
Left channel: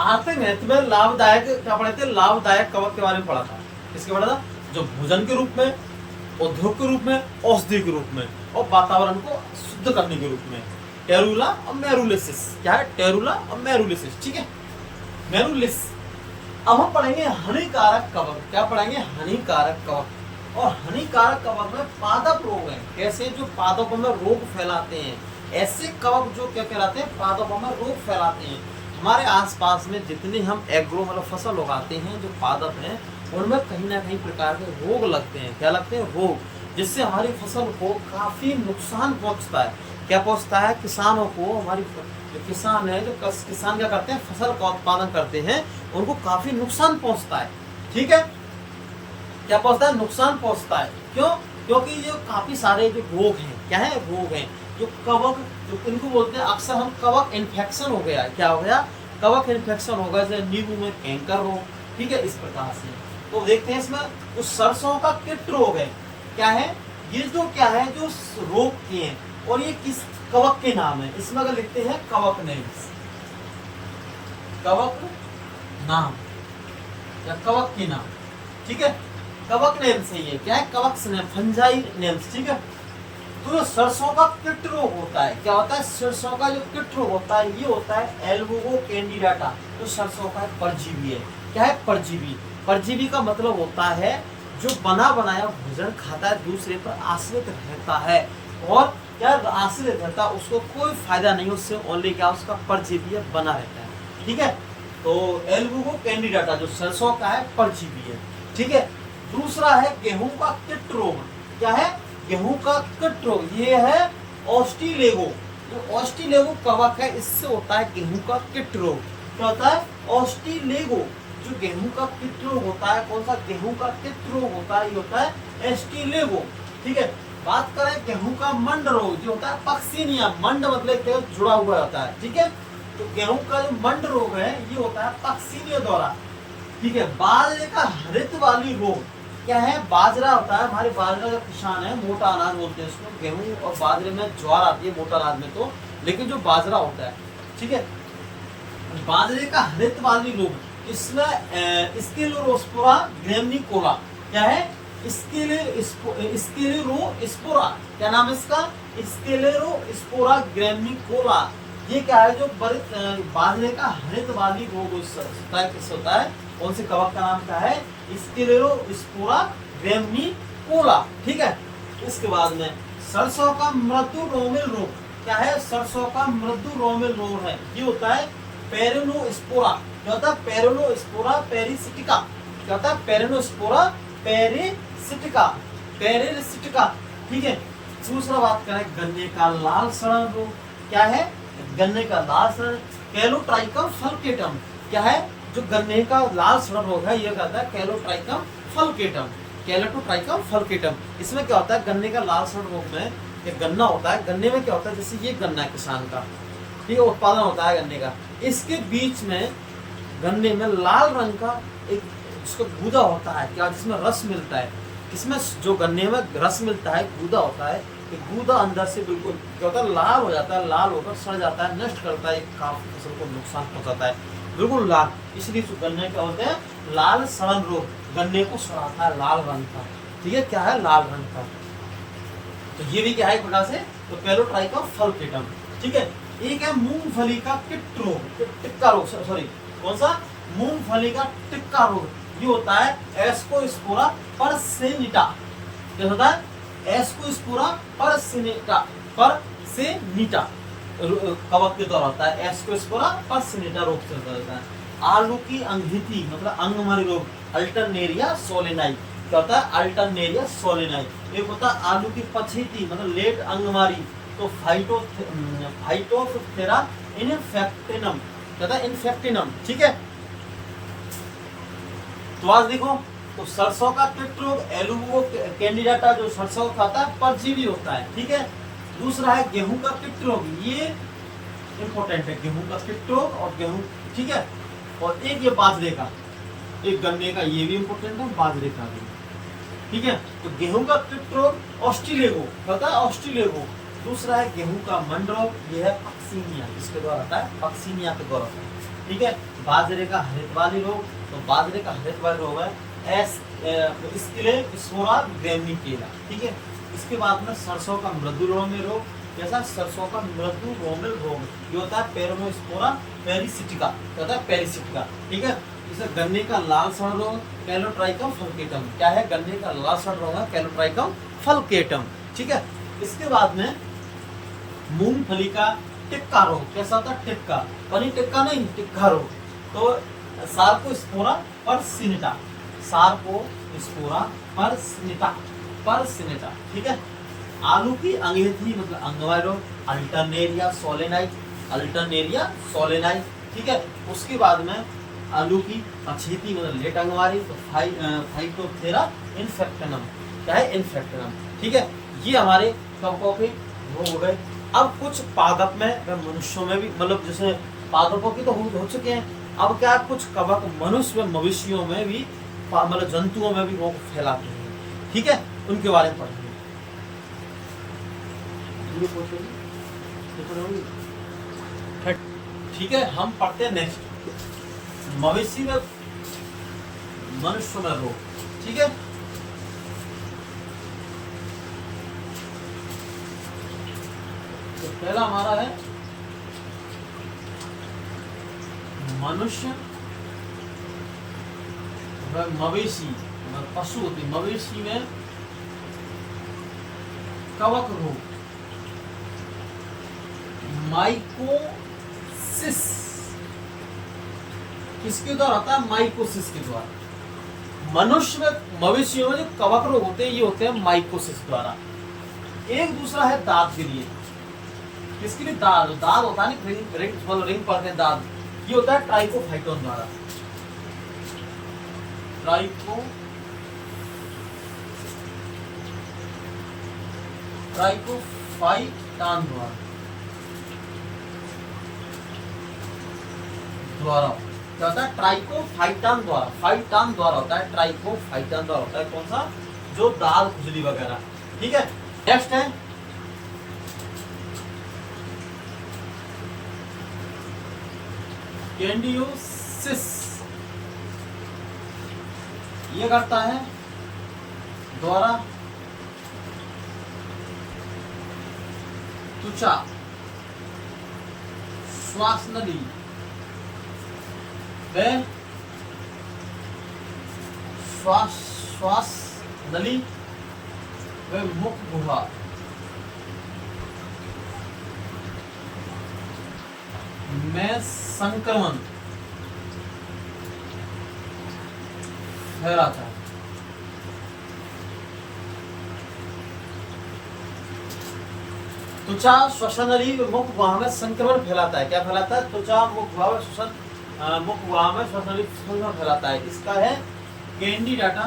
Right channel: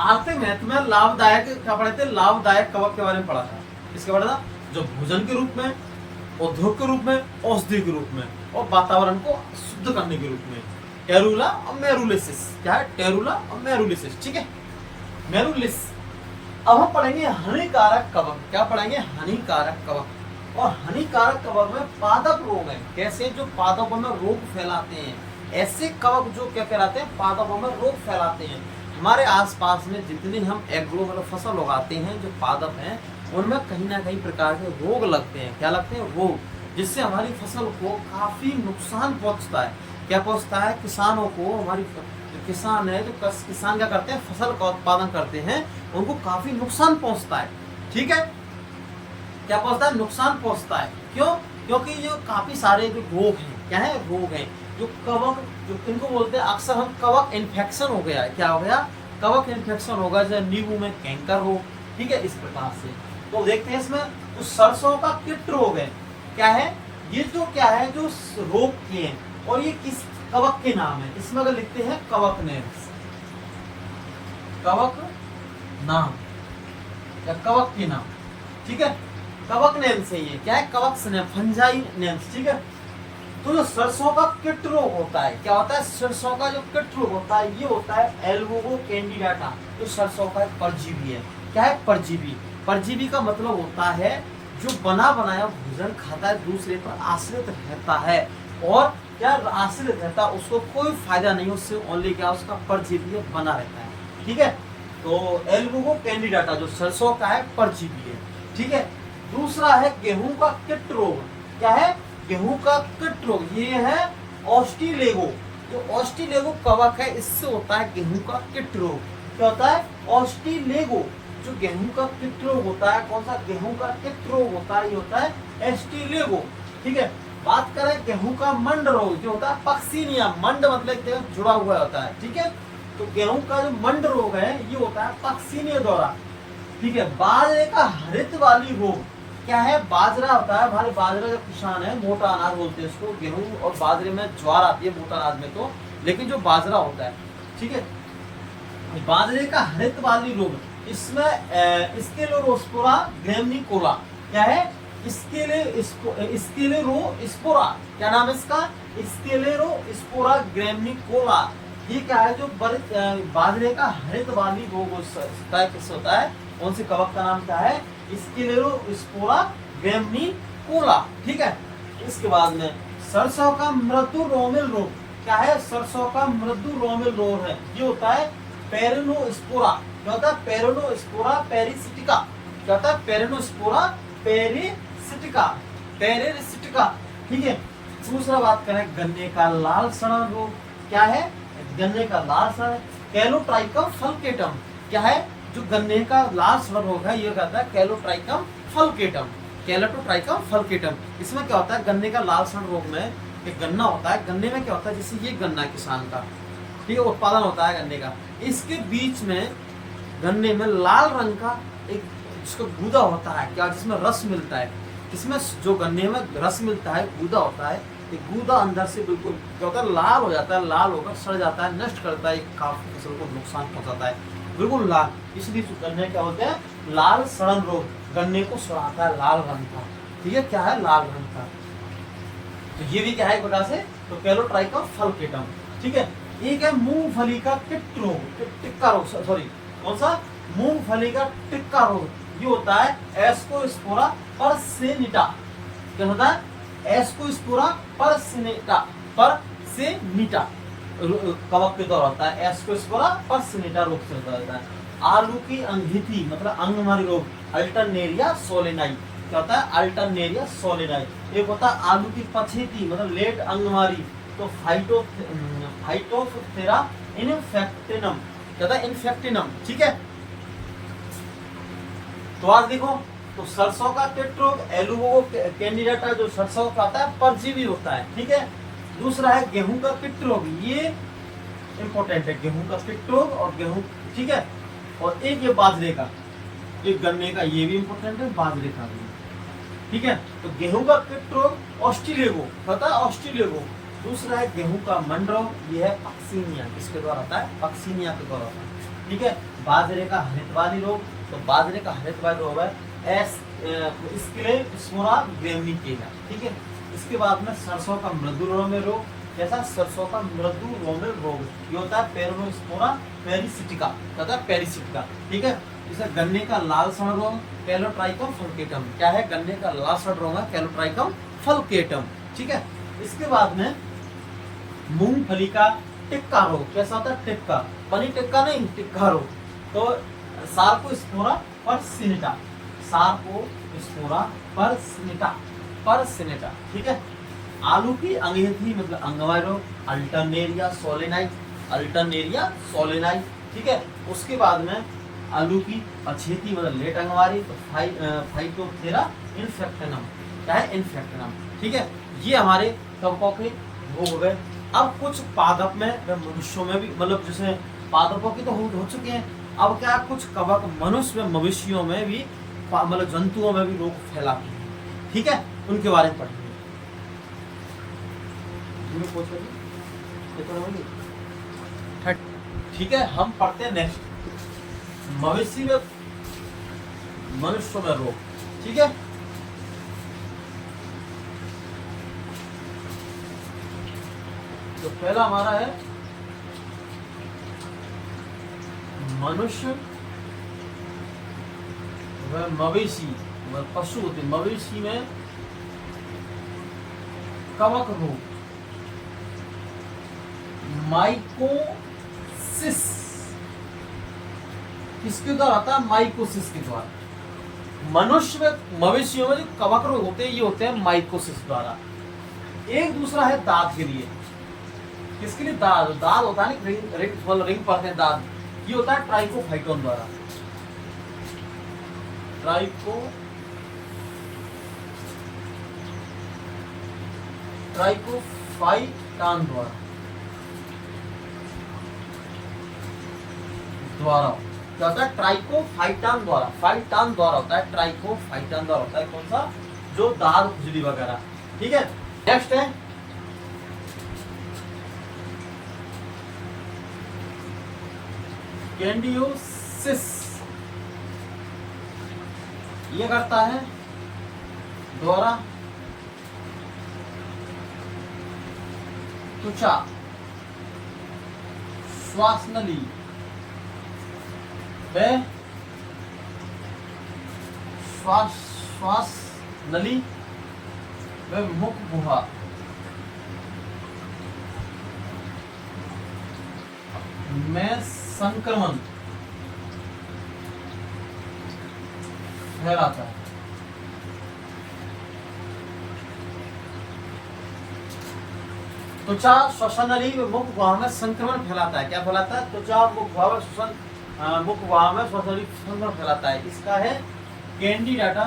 आते महत्व में लाभदायक क्या पढ़े थे? लाभदायक कवक के बारे में पढ़ा था। किसके पढ़ा था? जो भोजन के रूप में, उद्योग के रूप में, औषधि के रूप में, और वातावरण को शुद्ध करने के रूप में। टेरुला और मेरुलिसिस। क्या है? टेरुला और मेरुलिसिस, ठीक है, मेरुलिस। अब हम पढ़ेंगे हानिकारक कवक। क्या पढ़ेंगे? हानिकारक कवक। और हानिकारक कवक में पादप रोग है। कैसे? जो पादपों में रोग फैलाते हैं, ऐसे कवक जो क्या फैलाते हैं? पादपों में रोग फैलाते हैं। हमारे आसपास में जितने हम एग्रो मतलब फसल उगाते हैं, जो पादप हैं, उनमें कहीं ना कहीं प्रकार के रोग लगते हैं। क्या लगते हैं? रोग, जिससे हमारी फसल को काफी नुकसान पहुंचता है। क्या पहुंचता है? किसानों को, हमारी जो किसान है, जो किसान क्या करते हैं, फसल का उत्पादन करते हैं, उनको काफी नुकसान पहुंचता है। ठीक है, क्या पहुंचता है? नुकसान पहुंचता है। क्यों? क्योंकि जो काफी सारे जो रोग हैं, क्या है? रोग हैं जो कवक, जो इनको बोलते हैं अक्सर हम कवक इन्फेक्शन हो गया है। क्या हो गया? कवक इन्फेक्शन होगा, जैसे नींबू में कैंकर रोग। ठीक है, इस प्रकार से। तो देखते हैं इसमें जो सरसों का कीट रोग है, क्या है ये? जो क्या है, जो रोग के हैं, और ये किस कवक के नाम है? इसमें अगर लिखते हैं कवक नेम्स, कवक नाम या कवक के नाम। ठीक है, कवक नेम से ही है। क्या है? कवक नेम, फंजाई नेम्स। ठीक है, तो जो सरसों का कीट रोग होता है, क्या होता है? सरसों का जो कीट रोग होता है, ये होता है एल्बुगो कैंडिडाटा। तो सरसों का एक परजीवी है। क्या है? परजीवी। परजीवी का मतलब होता है जो बना बनाया भोजन खाता है, दूसरे पर आश्रित रहता है, और क्या आश्रित रहता है, उसको कोई फायदा नहीं, उससे ओनली क्या उसका परजीवी बना रहता है। ठीक है, तो एल्बुगो कैंडिडाटा जो सरसों का है, परजीवी है। ठीक है, दूसरा है गेहूं का कीट रोग। क्या है? गेहूं का कीट रोग, ये है ऑस्ट्रीलेगो। जो ऑस्ट्रीलेगो कवक है, इससे होता है गेहूं का कीट रोग। क्या होता है? ऑस्ट्रीलेगो। जो गेहूं का कीट रोग होता है, कौन सा गेहूं का कीट रोग होता है? ये होता है एस्टीलेगो। ठीक है, बात करें गेहूं का मंड रोग, जो होता है पक्सिनिया। मंड मतलब एक जगह जुड़ा हुआ होता है। ठीक है, तो गेहूं का जो मंड रोग है, ये होता है पक्सिनिया द्वारा। ठीक है, बाजरे का हरित वाली रोग, क्या है? बाजरा होता है, हमारे बाजरा जो किसान है, मोटा अनाज बोलते हैं इसको। गेहूं और बाजरे में ज्वार आती है मोटा अनाज में, तो लेकिन जो बाजरा होता है, ठीक है, बाजरे का हरित वाली रोग, इसमें स्क्लेरोस्पोरा ग्रैमिनिकोला। क्या है? स्क्लेरोस्पोरा, क्या नाम है इसका? स्क्लेरोस्पोरा ग्रैमिनिकोला। ये क्या है? जो बाजरे का हरित वाली रोग किससे होता है? कौन से कवक का नाम क्या है? स्क्लेरोस्पोरा ग्रैमिनिकोला। ठीक है, इसके बाद में सरसों का मृदु रोमिल रोग। क्या है? सरसों का मृदु रोमिल रोग है, ये होता है पेरिनोस्पोरा। क्या होता है? पेरिनोस्पोरा पेरिसिटिका। क्या होता है? पेरिनोस्पोरा पेरिसिटिका, पेरिसिटिका। ठीक है, दूसरा बात करें गन्ने का लाल सड़न रोग। क्या है? गन्ने का लाल सड़न, कैलोट्राइकम फल्केटम। क्या है? जो गन्ने का लाल सड़न रोग है, ये कहता है कैलोट्राइकम फल्केटम, कैलोट्राइकम फल्केटम। इसमें क्या होता है? गन्ने का लाल सड़न रोग में एक गन्ना होता है, गन्ने में क्या होता है? जैसे ये गन्ना किसान का, ठीक है, उत्पादन होता है गन्ने का, इसके बीच में गन्ने में लाल रंग का एक जिसको गूदा होता है, क्या, जिसमें रस मिलता है। इसमें जो गन्ने में रस मिलता है, गूदा होता है, ये गूदा अंदर से बिल्कुल क्या होता है? लाल हो जाता है, लाल होकर सड़ जाता है, नष्ट करता है, काफी फसल को नुकसान पहुंचाता है, बिल्कुल लाल। इसलिए गन्ने क्या होते हैं? लाल सड़न रोग, गन्ने को सड़ाता है लाल रंग का। ठीक है, क्या है? लाल रंग का। तो ये भी क्या है एक प्रकार से? तो कैलोट्राइकम फल्केटम। ठीक है, एक है मूंगफली का टिक रोग, टिक्का रोग, सॉरी, कौन सा? मूंगफली का टिक्का रोग, ये होता है एस्कोस्पोरा परसेनिटा। क्या होता है? एस्कोस्पोरा परसेनिटा, परसेनिटा कवक के द्वारा होता है, एस्कोस्पोरा परसेनिटा रोग से होता है। आलू की अंगीठी मतलब अंगमारी रोग, अल्टरनेरिया सोलेनाई। क्या होता है? Alternaria solani. एक होता है आलू की पछेती मतलब लेट अंगमारी, तो फाइटोप्थेरा इन्फेक्टिनम। क्या होता है? इन्फेक्टिनम। ठीक है, तो आज देखो, तो सरसों का कीट रोग एल्बुगो कैंडिडाटा, जो सरसों का खाता है, परजीवी होता है। ठीक है, दूसरा है गेहूं का कीट रोग, ये इंपॉर्टेंट है, गेहूं का कीट रोग और गेहूं। ठीक है, और एक ये बाजरे का, एक गन्ने का, ये भी इंपॉर्टेंट है, बाजरे का भी। ठीक है, तो गेहूं का कीट रोग ऑस्ट्रीलेगो, पता है? ऑस्ट्रीलेगो। दूसरा है गेहूं का मंड रोग, ये है पक्सिनिया, इसके द्वारा आता है, पक्सिनिया के द्वारा आता है। ठीक है, बाजरे का हरित वाली रोग, तो बाजरे का हरित वाली रोग है स्क्लेरोस्पोरा ग्रैमिनिकोला। ठीक है, इसके बाद में सरसों का मृदु रोमिल रोग, जैसा सरसों का मृदु रोमिल रोग, ये होता है पेरिनोस्पोरा पेरिसिटिका। क्या होता है? पेरिसिटिका। ठीक है, जैसे गन्ने का लाल सड़ रोग, कैलोट्राइकम फल्केटम। क्या है? गन्ने का लाल सड़ रोग है, कैलोट्राइकम फल्केटम। ठीक है, इसके बाद में मूंगफली का टिक्का रोग। कैसा होता है? टिक्का, पनीर टिक्का नहीं, टिक्का रोग। तो सार्कोस्पोरा पर्सिनिटा, सार्कोस्पोरा पर्सिनिटा, ठीक है। आलू की अंगेठी मतलब अंगवाई रोग, अल्टरनेरिया सोलेनाई, ठीक है। उसके बाद में आलू की अछेती मतलब लेट अंगवारी, तो फाइटोप्थेरा इन्फेक्टनम, क्या है? इन्फेक्टनम, ठीक है। ये हमारे कवकों के रोग हो गए। अब कुछ पादप में व मनुष्यों में भी, मतलब जैसे पादपों की तो हो चुके हैं, अब क्या कुछ कवक मनुष्य व मवेशियों में भी, मतलब जंतुओं में भी रोग फैलाते हैं, ठीक है। उनके बारे में पढ़ेंगे। ठीक है, हम पढ़ते हैं नेक्स्ट, मवेशी में मनुष्य में रोग, ठीक है। तो पहला हमारा है मनुष्य व मवेशी, पशु होते मवेशी में कवक रोग, माइकोसिस। किसके द्वारा होता है? माइकोसिस के द्वारा। मनुष्य में मवेशियों में जो कवक रोग होते हैं ये होते हैं माइकोसिस द्वारा। एक दूसरा है दांत के लिए। किसके लिए? दांत होता है ना, रिंग पर है दांत, ये होता है ट्राइकोफाइटोन द्वारा। ट्राइकोफाइटॉन द्वारा क्या होता है? ट्राइकोफाइटॉन द्वारा, फाइटॉन द्वारा होता है, ट्राइकोफाइटॉन द्वारा होता है। कौन सा? जो दाल खुजली वगैरह, ठीक है। नेक्स्ट है कैंडियोसिस। ये करता है द्वारा त्वचा, श्वास नली व श्वास नली व मुख गुहा में संक्रमण फैलाता है। त्वचा, श्वसन नली, मुख गुहा में संक्रमण फैलाता है। क्या फैलाता है? त्वचा, मुख गुहा में मुख गुहा में श्वसन नली संक्रमण फैलाता है। इसका है कैंडिडाटा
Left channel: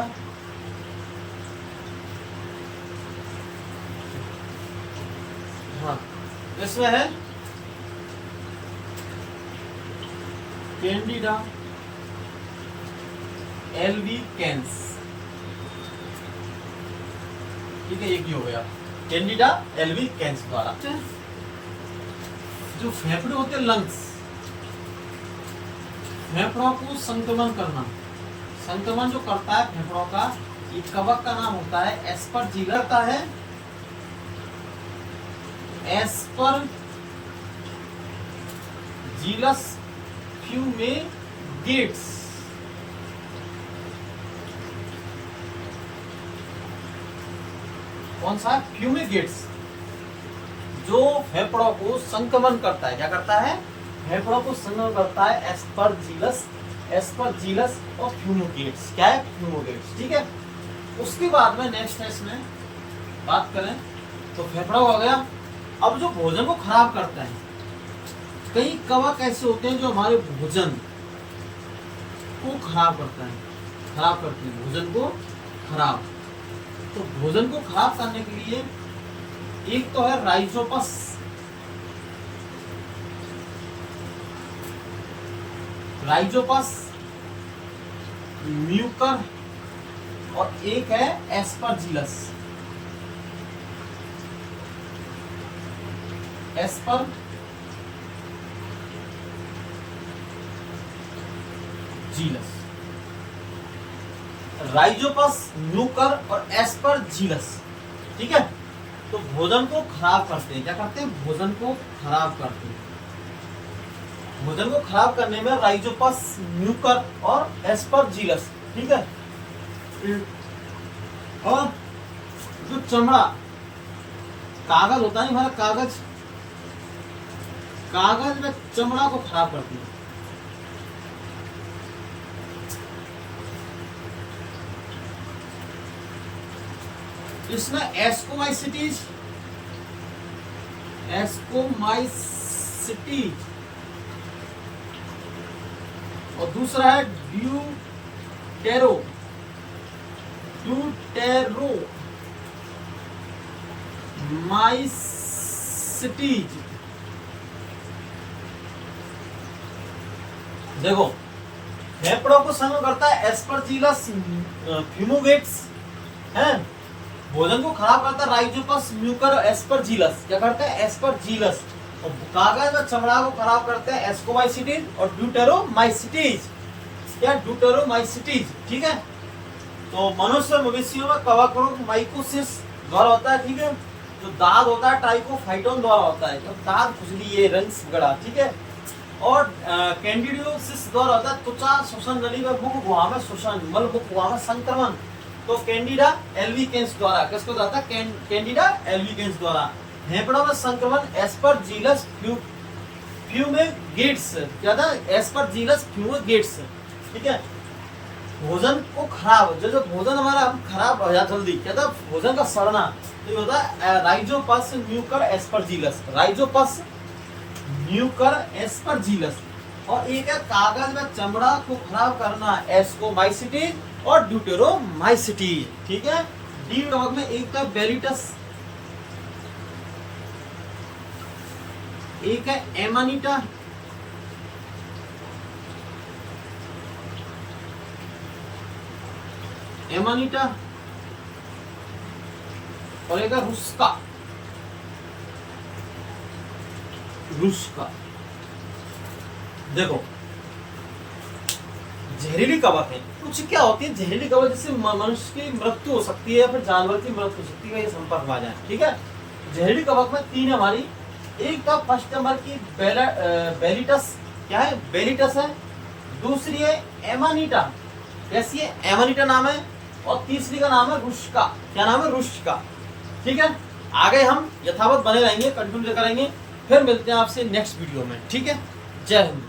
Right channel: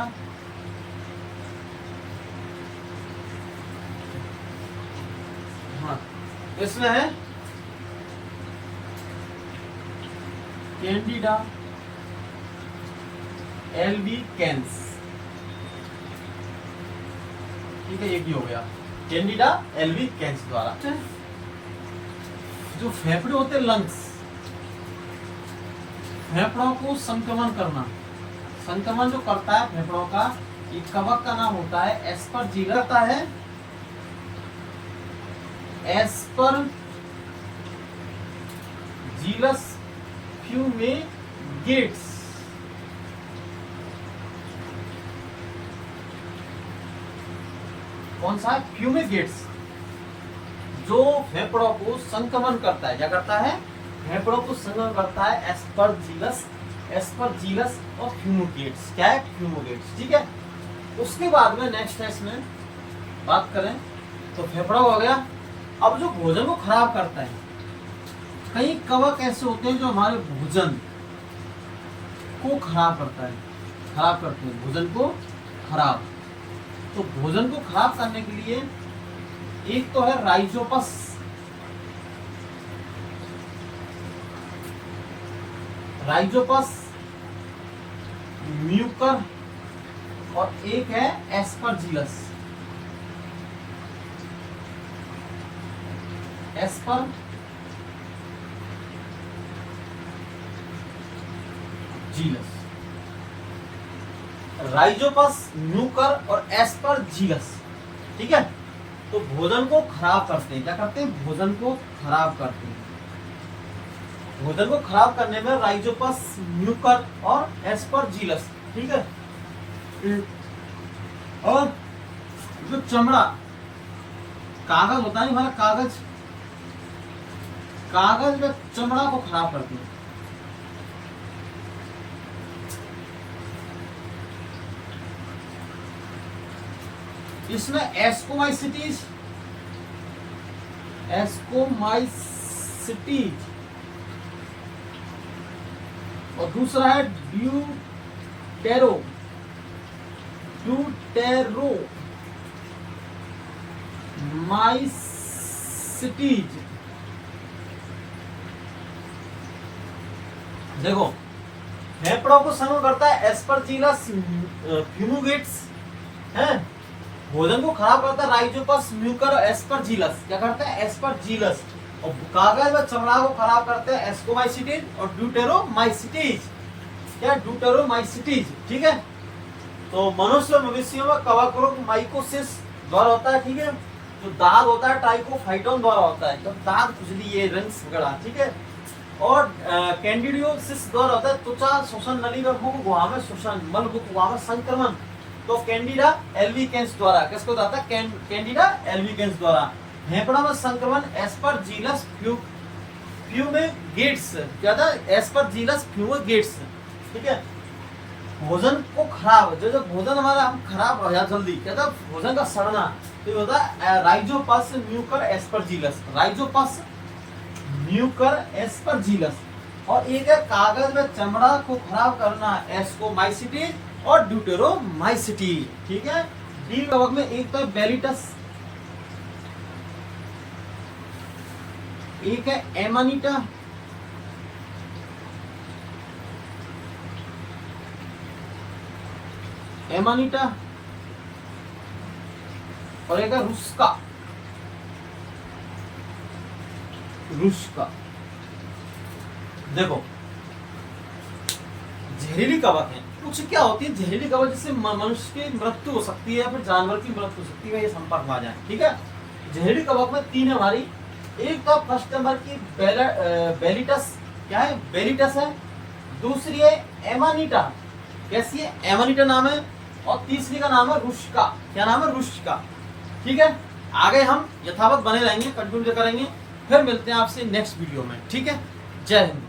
हाँ, इसमें है कैंडिडा एल्बिकेंस, ठीक है। एक ही हो गया कैंडिडा एल्बिकेंस द्वारा। जो फेफड़े होते हैं, लंग्स, फेफड़ों को संक्रमण करना, संक्रमण जो करता है फेफड़ों का, ये कवक का नाम होता है एस्परजिलस, करता है एस्परजिलस फ्यूमेगेट्स। कौन सा? फ्यूमेगेट्स, जो फेफड़ों को संक्रमण करता है। क्या करता है? फेफड़ों को संक्रमण करता है। एस्परजिलस और फ्यूमेगेट्स। क्या है? फ्यूमेगेट्स, ठीक है। उसके बाद में नेक्स्ट है, इसमें बात करें तो फेफड़ा हो गया। अब जो भोजन को खराब करता है, कई कवक ऐसे होते हैं जो हमारे भोजन को खराब करता है, खराब करते हैं भोजन को खराब। तो भोजन को खराब करने के लिए एक तो है राइजोपस, म्यूकर, और एक है एस्परजिलस। राइजोपस, म्यूकर और एस्परजिलस, ठीक है। तो भोजन को खराब करते हैं। क्या करते हैं? भोजन को खराब करते हैं। भोजन को खराब करने में राइजोपस, म्यूकर और एस्परजिलस, ठीक है। और जो चमड़ा, कागज होता है हमारा, कागज, कागज में चमड़ा को खराब करती है। इसमें एस्कोमाइसिटीज और दूसरा है ड्यूटेरोमाइसिटीज। देखो फेफड़ों को संग करता है एस्परजिलस फ्यूमोगेट्स है, भोजन को खराब करता है राइजोपस म्यूकर एस्परजिलस। क्या करता है? एस्परजिलस। और कागज व चमड़ा को खराब करते हैं एस्कोमाइसिटीज और ड्यूटेरोमाइसिटीज। क्या? ड्यूटेरोमाइसिटीज। ठीक है। तो मनुष्य और मवेशियों में कवक रोग माइकोसिस द्वारा होता है। ठीक है। जो दाग होता है ट्राइकोफाइटोन द्वारा होता है, जब दाग खुजली ये रंग गड़ा। ठीक है। और कैंडिडियोसिस द्वारा होता है त्वचा श्वसन नली में मुख गुहा में श्वसन, मल मुख गुहा में संक्रमण। तो कैंडिडा एल्बिकेंस द्वारा, किसको होता है? कैंडिडा एल्बिकेंस द्वारा। फेफड़ों में संक्रमण एस्परजिलस फ्यूमेगेट्स। क्या था? एस्परजिलस फ्यूमेगेट्स। ठीक है। भोजन को खराब, जो भोजन हमारा हम खराब हो जाता जल्दी, क्या था? भोजन का सड़ना। तो ये होता है Rhizopus Mucor Aspergillus, Rhizopus Mucor Aspergillus. और एक है कागज में चमड़ा को खराब करना एस्कोमाइसिटीज और ड्यूटेरोमाइसिटीज। ठीक है। डी कवक में एक है बेलिटस, एक है एमानिटा, और एक है रुस्का। देखो जहरीली कवक है कुछ। क्या होती है जहरीली कवक? जिससे मनुष्य की मृत्यु हो सकती है या फिर जानवर की मृत्यु हो सकती है, ये संपर्क में आ जाए। ठीक है। जहरीली कवक में तीन हमारी, एक तो फर्स्ट नंबर की बेलिटस। क्या है? बेलिटस है। दूसरी है एमानिटा। कैसी है? एमानिटा नाम है। और तीसरी का नाम है रुस्का। क्या नाम है? रुस्का। ठीक है। आगे हम यथावत बने रहेंगे, कंटिन्यू करेंगे। फिर मिलते हैं आपसे नेक्स्ट वीडियो में। ठीक है। जय हिंद।